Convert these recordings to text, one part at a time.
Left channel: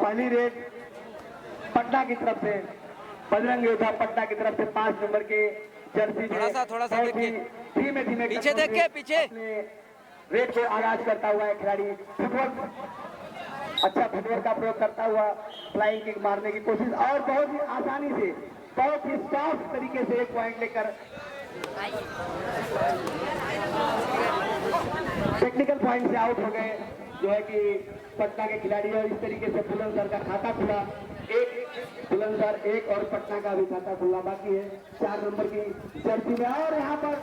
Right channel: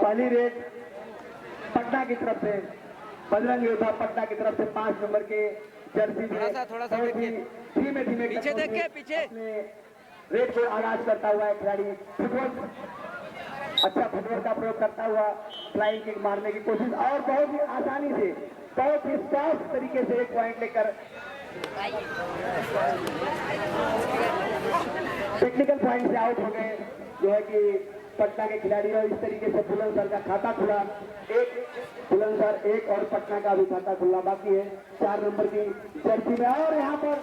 पहली रेड पटना की तरफ से बजरंग योद्धा पटना की तरफ से 5 नंबर के जर्सी थोड़ा सा देखिए, धीमे धीमे पीछे देख के, पीछे रेड को आगाज करता हुआ है खिलाड़ी अच्छा फुटबॉल का प्रयोग करता हुआ फ्लाइंग किक मारने की कोशिश और बहुत ही आसानी से बहुत ही सॉफ्ट तरीके से एक पॉइंट लेकर टेक्निकल पॉइंट से आउट हो गए, जो है कि पटना के खिलाड़ी और इस तरीके से बुलंदशहर का खाता खुला, एक बुलंदशहर एक और पटना का भी खाता खुला बाकी है 4 नंबर की जर्सी में। और यहाँ पर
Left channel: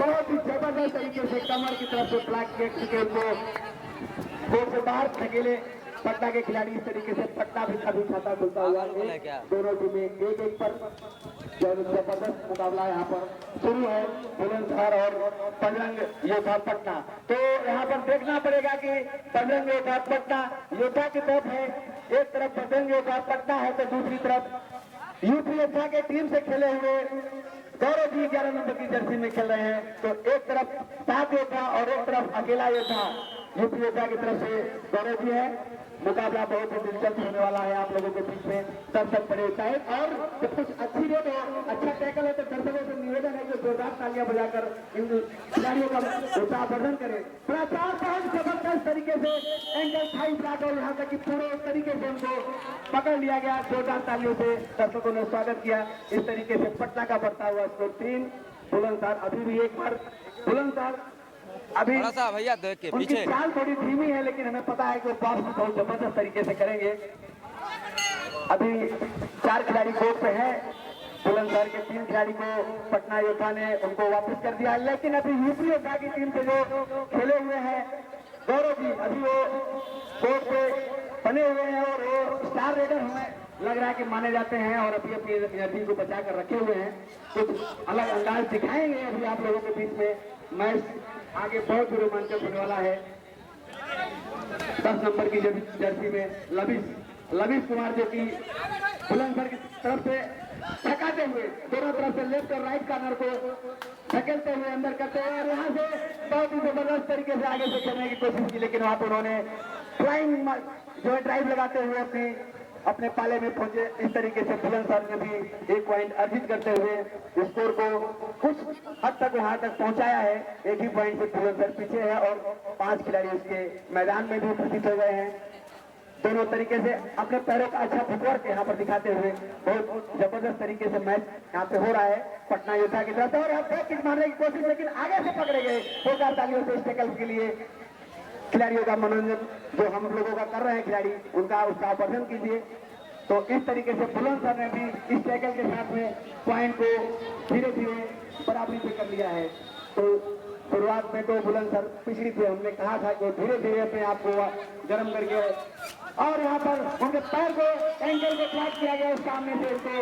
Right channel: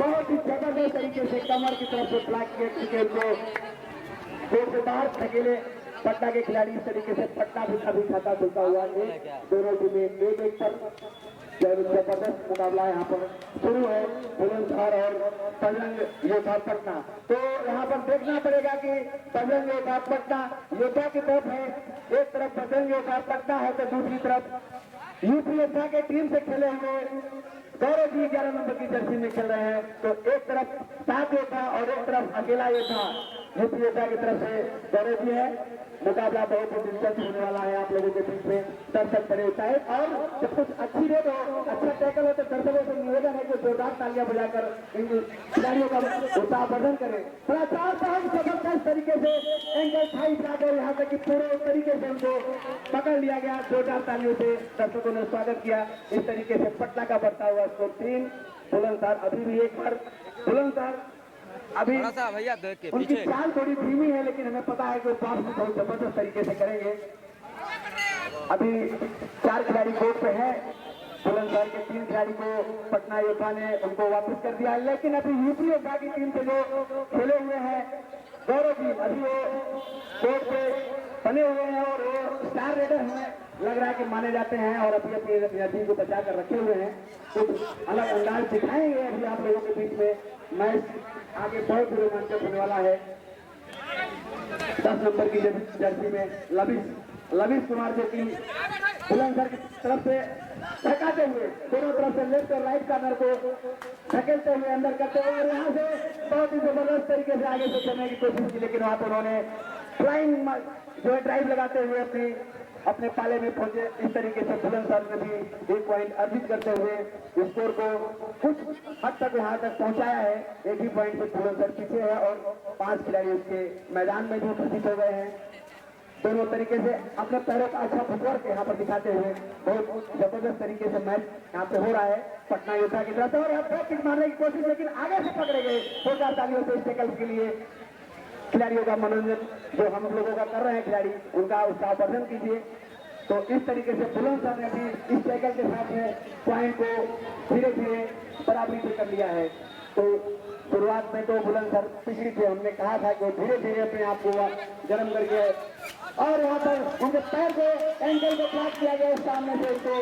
बहुत ही जबरदस्त तरीके से कमर की तरफ से फ्लैग के उनको गोल से बाहर धकेले पटना के खिलाड़ी। इस तरीके से पटना भी कभी खाता खुलता हुआ है, दोनों टीमें एक पर जबरदस्त मुकाबला यहाँ पर शुरू है बुलंदशहर और बजरंग योद्धा पटना। तो यहाँ पर देखना पड़ेगा कि बजरंग योद्धा पटना योद्धा की तरफ है, एक तरफ बजरंग योद्धा पटना है तो दूसरी तरफ यूपी योद्धा के टीम से खेले हुए गौरव जी 11 नंबर की जर्सी में खेल रहे हैं। तो एक तरफ 7 योद्धा और एक तरफ अकेला योद्धा यूपी योद्धा की तरफ से गौरव जी है। मुकाबला बहुत ही दिलचस्प होने वाला है आप लोगों के बीच में, दर्शक बड़े होता है और जब कुछ अच्छी रेट है अच्छा टैकल है तो दर्शकों से निवेदन है कि जोरदार तालियां बजाकर इन खिलाड़ियों का उत्साहवर्धन करें। प्रचार बहुत जबरदस्त तरीके से एंगल थाई जाकर यहाँ तक कि पूरे तरीके से उनको पकड़ लिया गया, जोरदार तालियों से दर्शकों ने स्वागत किया। इस तरीके से पटना का बढ़ता हुआ स्कोर 3, बुलंदशहर अभी भी एक बार बुलंदशहर अभी थोड़ा सा भैया देख के उनकी पीछे। चाल थोड़ी धीमी है लेकिन हमें पता है कि वो पास भी बहुत जबरदस्त तरीके से करेंगे। अभी 4 खिलाड़ी कोर्ट से हैं, बुलंदशहर के 3 खिलाड़ी को पटना योद्धा ने उनको वापस कर दिया है, लेकिन अभी यूपी योद्धा की टीम से जो खेले हुए हैं गौरव जी अभी वो कोर्ट पे बने हुए हैं और वो स्टार रेडर हैं, लग रहा है कि माने जाते हैं और अभी अपनी टीम को बचा कर रखे हुए हैं। कुछ अलग अंदाज दिखाएंगे अभी आप लोगों के बीच में। मैच आगे बहुत ही रोमांचक होने वाला है। 10 नंबर की जर्सी में लविश कुमार जो कि बुलंदशहर की तरफ से धकाते हुए दोनों तरफ से लेफ्ट और राइट कार्नर को धकेलते हुए अंदर करते हुए और यहाँ से बहुत ही जबरदस्त तरीके से आगे से खेलने की कोशिश की, लेकिन वहां पर उन्होंने फ्लाइंग जो है ड्राइव लगाते हुए अपने पाले में पहुंचे। इस तरीके से बुलंदशहर ने भी 1 पॉइंट अर्जित करते हुए स्कोर को कुछ हद तक वहां तक पहुंचाया है। 1 ही पॉइंट से बुलंदशहर पीछे है और 5 खिलाड़ी उसके मैदान में भी उपस्थित हो गए हैं। दोनों तरीके से अपने पैरों का अच्छा फुटवर्क यहाँ पर दिखाते हुए बहुत जबरदस्त तरीके से मैच यहाँ पे हो रहा है पटना योद्धा की तरफ से। और किक मारने की कोशिश लेकिन आगे से पकड़े गए। जोरदार तालियों से इस टैकल के लिए खिलाड़ियों का मनोरंजन जो हम लोगों का कर रहे हैं खिलाड़ी उनका उत्साहवर्धन कीजिए। तो इस तरीके से बुलंदशहर ने भी इस टैकल के साथ में पॉइंट को धीरे धीरे बराबरी पे कर लिया है। तो शुरुआत में तो बुलंदशहर पिछड़ी थे, हमने कहा था कि धीरे धीरे अपने आप को गर्म करके और यहाँ पर उनके पैर को एंगल को ट्रैक किया गया, सामने से उनको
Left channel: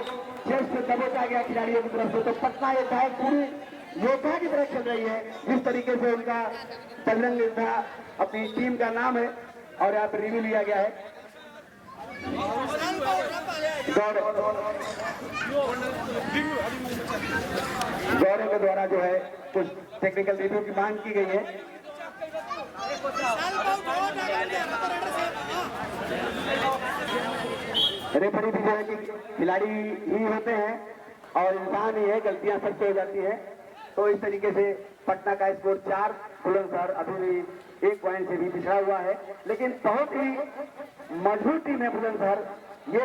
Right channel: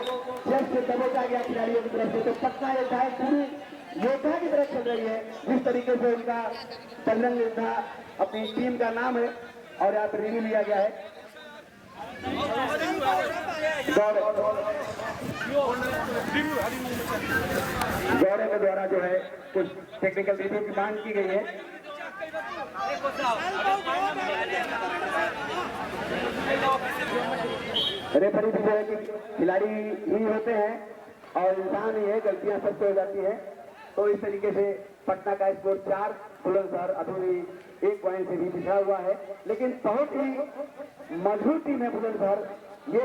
चेस्ट से दबोचा गया खिलाड़ियों की तरफ से। तो पटना योद्धा पूरी योद्धा की तरफ चल रही है जिस तरीके से उनका बजरंग योद्धा अपनी टीम का नाम है और यहाँ पर रिव्यू लिया गया है। गौरव के द्वारा जो है कुछ टेक्निकल रिव्यू की मांग की गई है। रेफरी भी जो है कि खिलाड़ी ही होते हैं और इंसान ही है, गलतियां सबसे हो जाती है। तो इस तरीके से पटना का स्कोर 4, बुलंदशहर अभी भी 1 पॉइंट से भी पिछड़ा हुआ है, लेकिन बहुत ही मजबूत टीम है बुलंदशहर। ये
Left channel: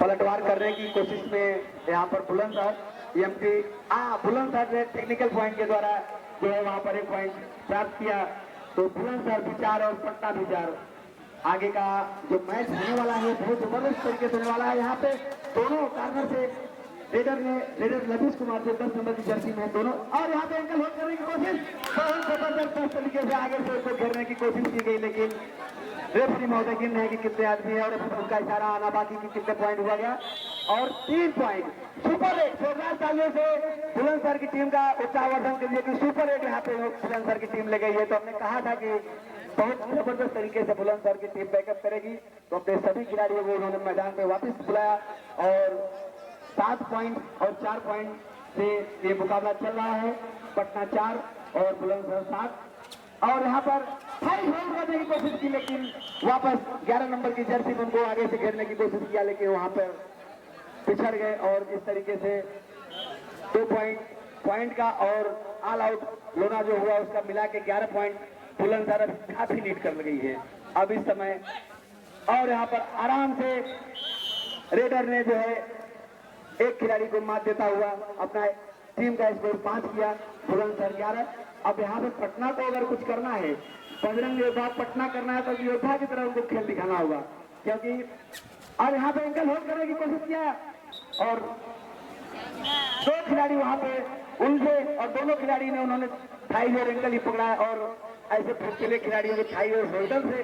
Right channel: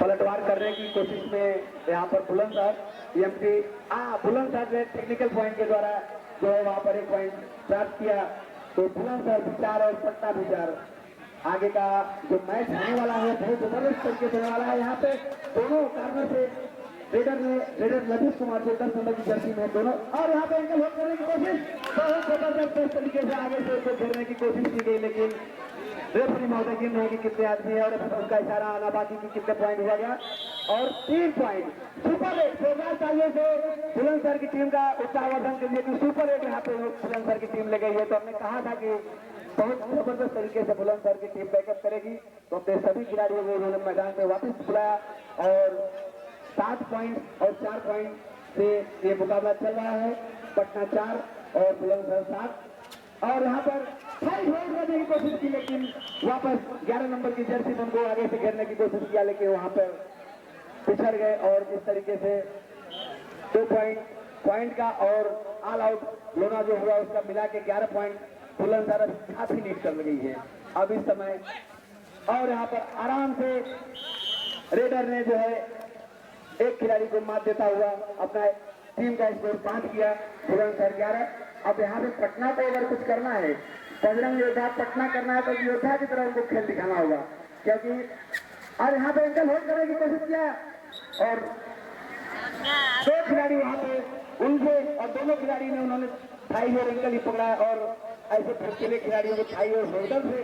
पलटवार करने की कोशिश में यहाँ पर बुलंदशहर बुलंदशहर ने टेक्निकल पॉइंट के द्वारा जो है वहां पर 1 पॉइंट प्राप्त किया। तो बुलंदशहर भी 4 और पटना भी 4। आगे का जो मैच होने वाला है बहुत जबरदस्त तरीके से होने वाला है। यहाँ पे दोनों कार्नर से रेडर लविश कुमार जो 10 नंबर की जर्सी में दोनों और यहाँ पे एंकल होल्ड करने की कोशिश बहुत जबरदस्त तरीके से आगे से उसको घेरने की कोशिश की गई, लेकिन रेफरी महोदय गिन है कि कितने आदमी है और उसका इशारा आना बाकी की कितने पॉइंट हुआ गया और 3 पॉइंट सुपर 8। जोरदार तालियों से बुलंदशहर की टीम का उत्साहवर्धन के लिए कि सुपर 8 यहाँ पे बुलंदशहर की टीम ले गई है। तो हमने कहा था कि बहुत जबरदस्त तरीके से बुलंदशहर की टीम बैकअप करेगी, तो अपने सभी खिलाड़ियों को उन्होंने मैदान में वापस बुलाया और 7 पॉइंट और 4 पॉइंट से ये मुकाबला चल रहा है। पटना 4 और बुलंदशहर 7। और यहाँ पर 5 राउंड करने की कोशिश की, लेकिन वापस 11 नंबर की जर्सी में उनको आगे से घेरने की कोशिश किया, लेकिन वहां पर पिछड़ गए। और इस तरीके से 2 पॉइंट का और ऑल आउट लोना जो हुआ उसका मिला के 11 पॉइंट बुलंदशहर काफी लीड कर गई है अब इस समय। और यहाँ पर आराम से रेडर ने जो है एक खिलाड़ी को मात देता हुआ अपना टीम का स्कोर 5 किया, बुलंदशहर 11। अब यहाँ पे पटना को अगर कुछ करना है, बजरंग योद्धा पटना करना है, तो योद्धा की तरह उनको खेल दिखाना होगा, क्योंकि और यहाँ पे एंकल होल्ड करने की कोशिश किया और 2 खिलाड़ी वहां पे उनसे और दोनों खिलाड़ी ने उन्होंने थाई और एंकल ही पकड़ा है। और ऐसे फुर्तीले खिलाड़ियों को थाई और होल्डर से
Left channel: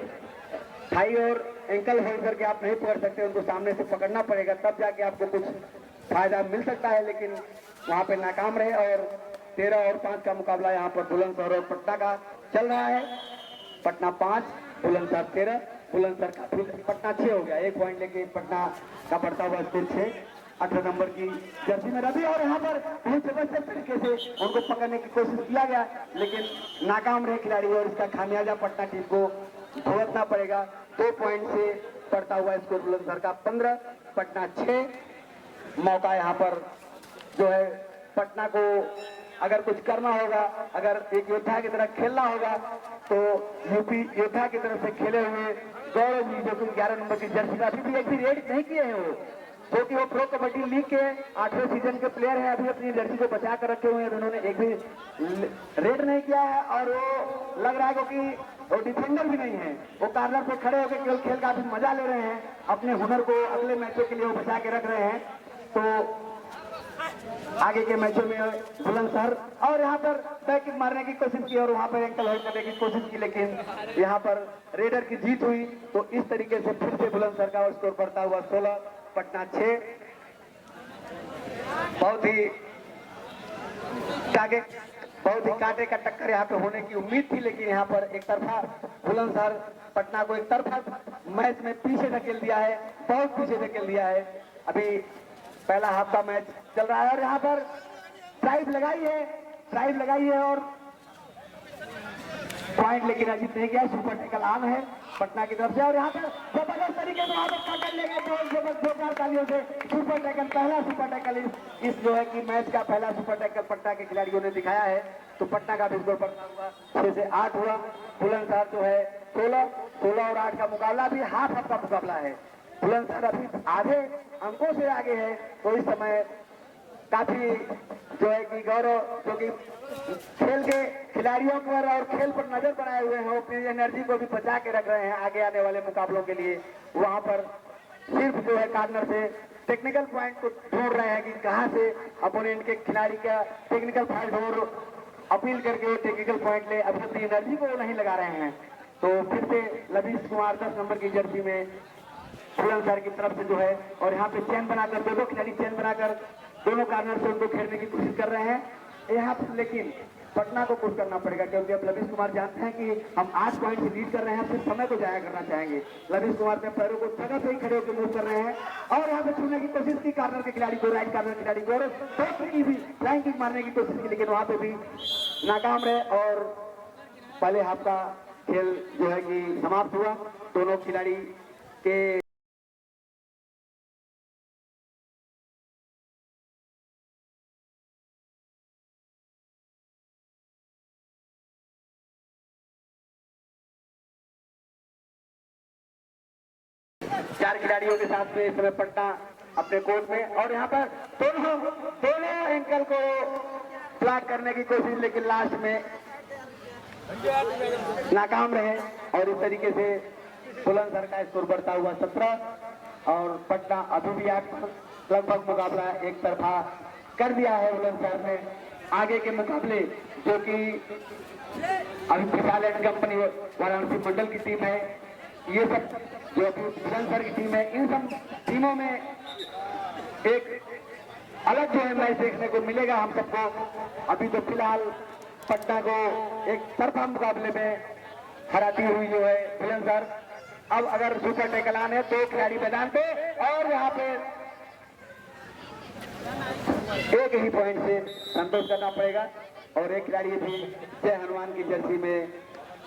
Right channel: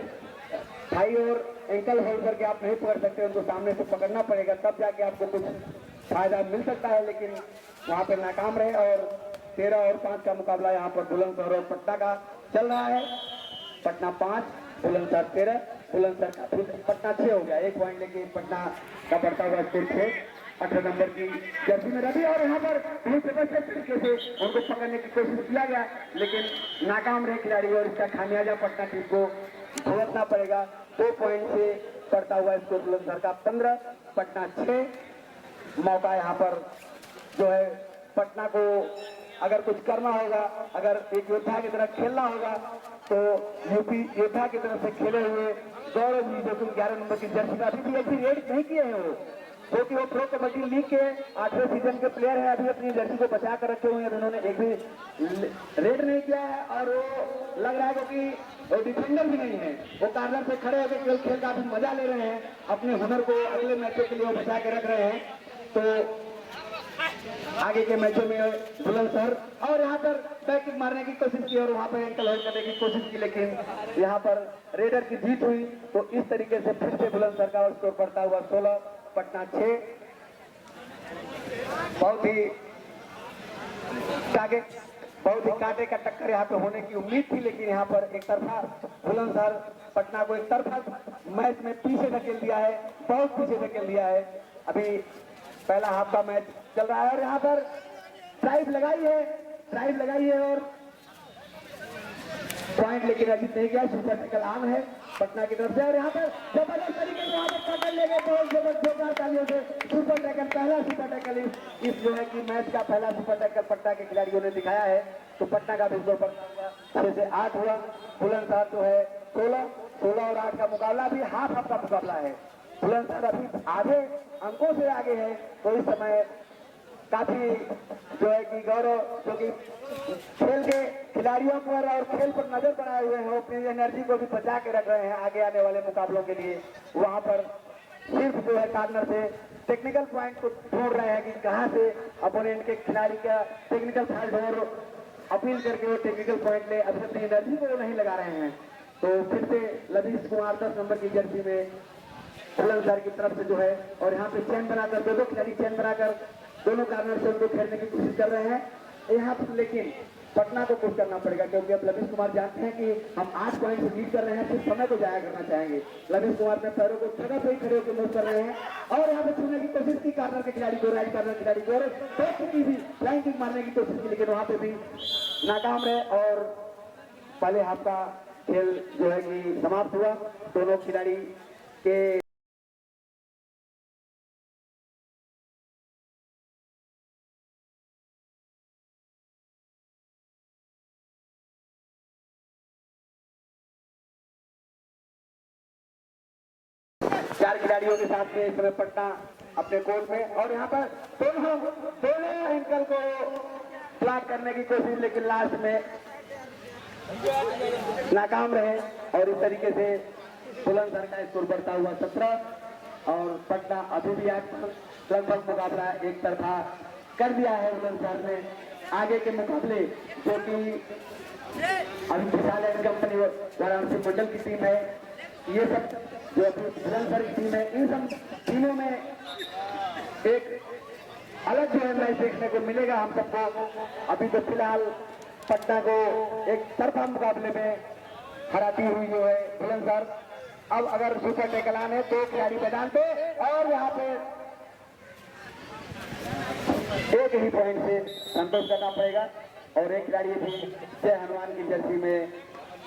थाई और एंकल होल्ड करके आप नहीं पकड़ सकते, उनको सामने से पकड़ना पड़ेगा, तब जाके आपको कुछ फायदा मिल सकता है। लेकिन वहां पे नाकाम रहे और 13 और 5 का मुकाबला यहाँ पर बुलंदशहर और पटना का चल रहा है। पटना 5, बुलंदशहर 13। बुलंदशहर का पटना 6 हो गया, 1 पॉइंट लेके पटना का बढ़ता हुआ स्कोर 6। 18 नंबर की जर्सी में रवि और यहाँ पर बहुत जबरदस्त तरीके से उनको पकड़ने की कोशिश किया गया, लेकिन नाकाम रहे खिलाड़ी और इसका खामियाजा पटना टीम को भुगतना पड़ेगा। 2 पॉइंट से बढ़ता हुआ स्कोर बुलंदशहर का 15, पटना 6। मौका यहाँ पर जो है पटना को अगर कुछ करना होगा, अगर एक योद्धा की तरह खेलना होगा, तो यूपी योद्धा की तरफ से खेले हुए गौरव जी जो कि 11 नंबर की जर्सी में अभी भी एक भी रेड नहीं किए हैं, वो क्योंकि वो प्रो कबड्डी लीग के 8वें सीजन के प्लेयर हैं, अभी अपनी जर्सी को बचा कर रखे हुए हैं, उन्होंने एक भी रेड नहीं किया है। और वो लग रहा है क्योंकि वो डिफेंडर भी नहीं है, वो कार्नर पे खड़े होकर केवल खेल का भी मजा ले रहे हैं, अपने हुनर को अगले मैचों के लिए वो बचा के रख रहे हैं। तो आगे के मैचों में बुलंदशहर और यहाँ पर बैक मारने की कोशिश की और वहां पर एंकल होल्ड करने की कोशिश की, लेकिन यहाँ पर रेडर की जीत हुई। तो इस तरीके से फिर से बुलंदशहर का स्कोर बढ़ता हुआ 16, पटना 6। बहुत ही कांटे का टक्कर यहाँ पे होने की उम्मीद थी, लेकिन यहाँ पर एक तरफा बुलंदशहर पटना को एक तरफा मैच में पीछे धकेल दिया है, बहुत पीछे धकेल दिया है। अभी पहला हाफ का मैच चल रहा है और यहाँ पर ड्राइव लगाई है और पॉइंट लेकिन अभी नहीं गया, सुपर टैकल आम है पटना की तरफ से। और यहाँ पर जबरदस्त तरीके से आगे पकड़ ले गए जोरदार तालियों से सुपर टैकल, पहला सुपर टैकल इस जो है कि मैच का पहला सुपर टैकल पटना के खिलाड़ियों ने दिखाया है। तो पटना का भी स्कोर बढ़ता हुआ 6 से 8 हुआ। बुलंदशहर जो है 16 और 8 का मुकाबला भी हाफ का मुकाबला है। बुलंदशहर अभी आधे अंकों से आगे है। तो इस समय काफी जो है कि गौरव जो कि खेल के खिलाड़ियों पर और खेल पर नजर बनाए हुए हैं, वो अपनी एनर्जी को भी बचा के रख रहे हैं आगे आने वाले मुकाबलों के लिए। वहां पर सिर्फ जो है कार्नर से टेक्निकल पॉइंट को ढूंढ रहे हैं कि कहां से अपोनेंट के खिलाड़ी का टेक्निकल फॉल्ट और अपील करके वो टेक्निकल पॉइंट ले, अभी अपनी एनर्जी को नहीं लगा रहे हैं। तो फिर से लवीश कुमार 10 नंबर की जर्सी में बुलंदशहर की तरफ से जो है और यहाँ पे चैन बनाकर दो खिलाड़ी चैन बनाकर दोनों कार्नर से उनको खेलने की कोशिश कर रहे हैं यहाँ पर, लेकिन पटना को कुछ करना पड़ेगा क्योंकि अब लवीश कुमार जानते हैं कि हम 8 पॉइंट से लीड कर रहे हैं, फिर समय को जाया करना चाहेंगे। लवीश कुमार अपने पैरों को जगह से ही खड़े होकर मूव कर रहे हैं और यहाँ पे छूने की कोशिश की कार्नर के खिलाड़ी को, राइट कार्नर खिलाड़ी को, और की भी फ्लाइंग किक मारने की कोशिश की, लेकिन वहां पे भी नाकाम रहे और पहले हाफ का खेल जो है कि समाप्त हुआ। दोनों खिलाड़ी के चार खिलाड़ियों के साथ में इस समय पटना अपने कोर्ट में और यहाँ पर दोनों एंकल को ब्लॉक करने की कोशिश, लेकिन लास्ट में नाकाम रहे और इस तरीके से बुलंदशहर का स्कोर बढ़ता हुआ 17 और पटना अभी भी लगभग मुकाबला एक तरफा कर दिया है बुलंदशहर ने। आगे के मुकाबले जो कि अभी विशाल एंड कंपनी वाराणसी मंडल की टीम है, ये सब जो बुलंदशहर की टीम है, इन सब टीमों में एक अलग जो मैच देखने को मिलेगा हम सबको। अभी तो फिलहाल पटना को एक तरफा मुकाबले में हराती हुई जो है बुलंदशहर। अब अगर सुपर टैकल आने तो खिलाड़ी मैदान पे और यहाँ पे एक ही पॉइंट से संतोष करना पड़ेगा। और एक खिलाड़ी भी जय हनुमान की जर्सी में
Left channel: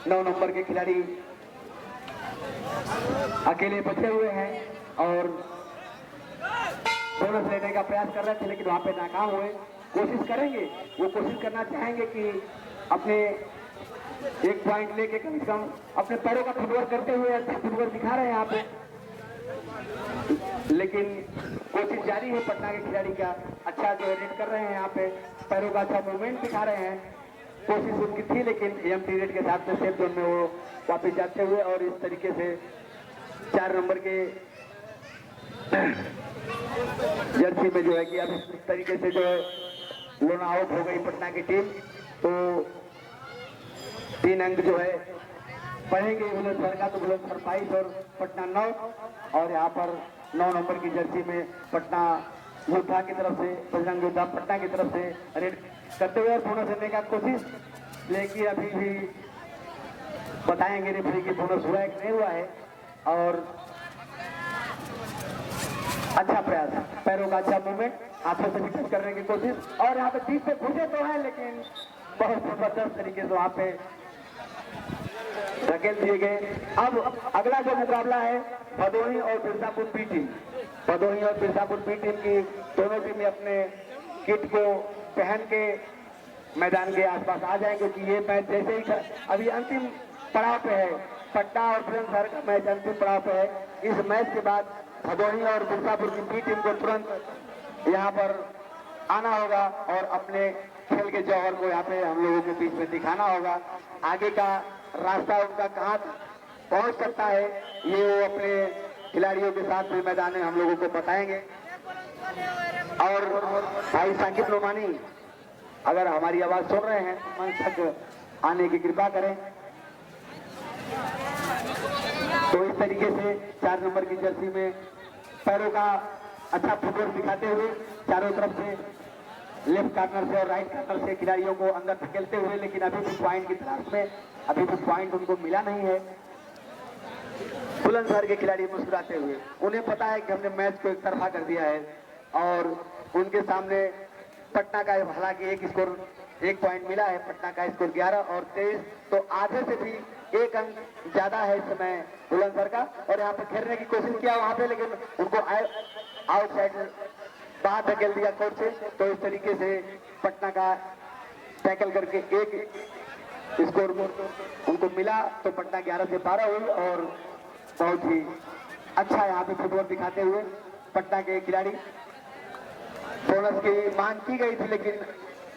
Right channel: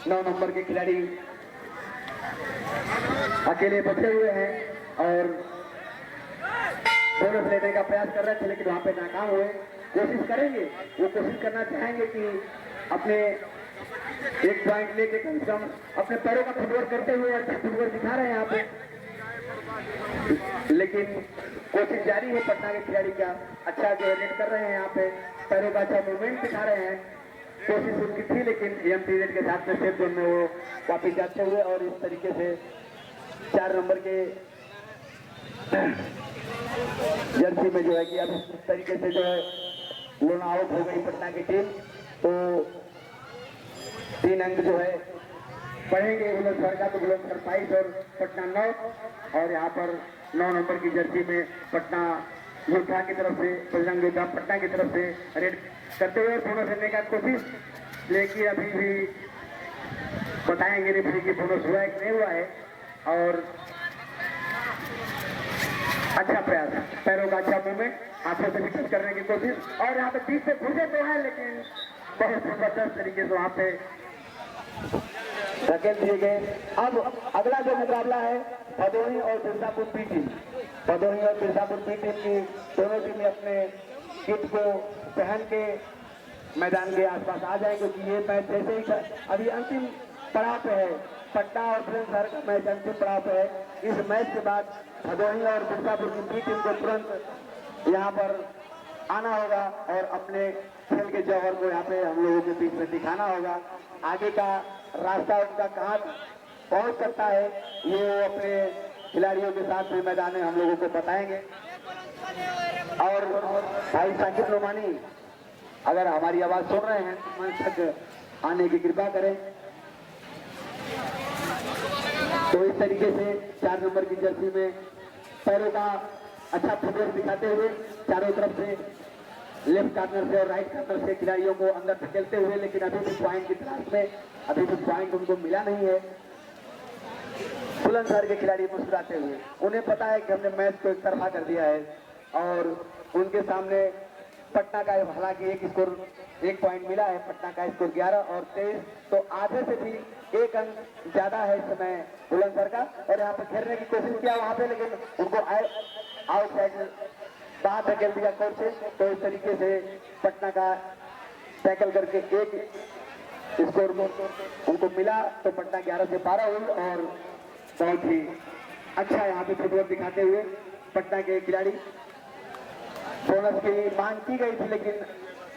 9 नंबर के खिलाड़ी अकेले बचे हुए हैं और बोनस लेने का प्रयास कर रहे थे, लेकिन वहां पे नाकाम हुए। कोशिश करेंगे, वो कोशिश करना चाहेंगे कि अपने 1 पॉइंट लेके कम से कम अपने पैरों का फुटवर्क करते हुए अच्छा फुटवर्क दिखा रहे हैं यहाँ पे, लेकिन कोशिश जारी है पटना के खिलाड़ी का। अच्छा जो नेट कर रहे हैं यहाँ पे, पैरों का अच्छा मूवमेंट दिखा रहे हैं। कोशिश उनकी थी, लेकिन एम पीरियड के साथ में सेफ जोन में वो वापिस जाते हुए और इस तरीके से 4 नंबर के जर्सी में जो है कि अब इस तरीके से जो है लोन आउट हो गई पटना की टीम। तो 3 अंक जो है बढ़ेंगे बुलंदशहर का, तो बुलंदशहर 22 और पटना 9। और यहाँ पर 9 नंबर की जर्सी में पटना योद्धा की तरफ से, बजरंग योद्धा पटना की तरफ से रेड करते हुए बोनस लेने का कोशिश, लेकिन अभी भी बताएंगे रेफरी की बोनस हुआ है कि नहीं हुआ है। और अच्छा प्रयास, पैरों का अच्छा मूवमेंट, हाथों से भी करने की कोशिश, और यहाँ पे 30 से घुसे तो है, लेकिन बहुत जबरदस्त तरीके से वहां पे धकेल दिए गए। अब अगला जो मुकाबला है भदोही और बिरसापुर बी टीम, भदोही और बिरसापुर बी टीम की दोनों टीमें अपने किट को पहन के मैदान के आसपास आ जाएंगे, क्योंकि ये मैच जैसे ही अभी अंतिम पड़ाव पे है, पटना और बुलंदशहर का मैच अंतिम पड़ाव पे है। इस मैच के बाद भदोही और बिरसापुर की बी टीम को तुरंत यहाँ पर आना होगा और अपने खेल के जौहर को यहाँ पे हम लोगों के बीच में दिखाना होगा। आगे का रास्ता उनका कहाँ पहुंच सकता है, ये वो अपने खिलाड़ियों के साथ भी मैदान में हम लोगों को बताएंगे। और भाई साकिब नोमानी अगर हमारी आवाज सुन रहे हैं, मंच तक आने की कृपा करें। तो इस तरीके से 4 नंबर की जर्सी में पैरों का अच्छा फुटवर्क दिखाते हुए चारों तरफ से लेफ्ट कार्नर से और राइट कार्नर से खिलाड़ियों को अंदर धकेलते हुए, लेकिन अभी भी पॉइंट की तलाश में, अभी भी पॉइंट उनको मिला नहीं है। बुलंदशहर के खिलाड़ी मुस्कुराते हुए, उन्हें पता है कि हमने मैच को एक तरफा कर दिया है और उनके सामने पटना का हालांकि एक पॉइंट मिला है, पटना का स्कोर 11 और 23, तो आधे से भी 1 अंक ज्यादा है इस समय बुलंदशहर का। और यहाँ पे खेलने की कोशिश किया वहां पे, लेकिन उनको आउटसाइड बाहर धकेल दिया कोर्ट से। तो इस तरीके से पटना का टैकल करके 1 स्कोर उनको मिला, तो पटना 11 से 12 हुई। और बहुत ही अच्छा यहाँ पे फुटवर्क दिखाते हुए पटना के खिलाड़ी, बोनस की मांग की गई थी, लेकिन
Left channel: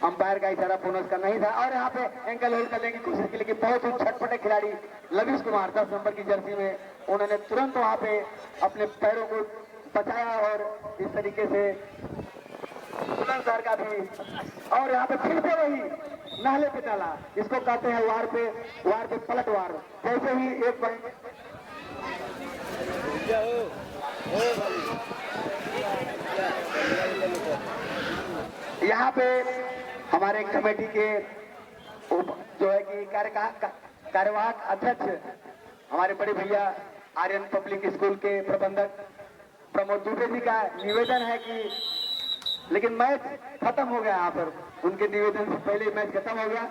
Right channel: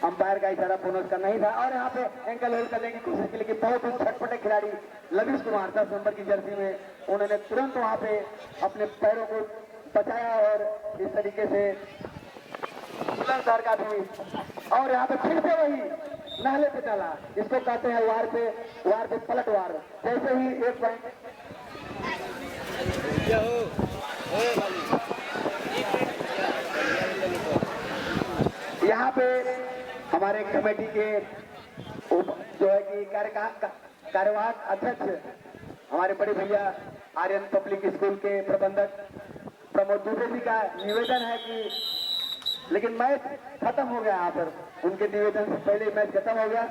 अंपायर का इशारा बोनस का नहीं था। और यहाँ पे एंकल होल्ड करने की कोशिश की, लेकिन बहुत ही छटपटे खिलाड़ी लवीश कुमार 10 नंबर की जर्सी में, उन्होंने तुरंत वहां पे अपने पैरों को बचाया और इस तरीके से बुलंदशहर का भी, और यहाँ पे फिर से वही नाले पे डाला, इसको कहते हैं वार पे पलटवार। जैसे ही 1 पॉइंट यहाँ पे हमारे कमेटी के जो है कि कार्यवाहक अध्यक्ष हमारे बड़े भैया आर्यन पब्लिक स्कूल के प्रबंधक प्रमोद दुबे जी का निवेदन है कि, लेकिन मैच खत्म हो गया यहाँ पर, उनके निवेदन से पहले मैच खत्म हो गया।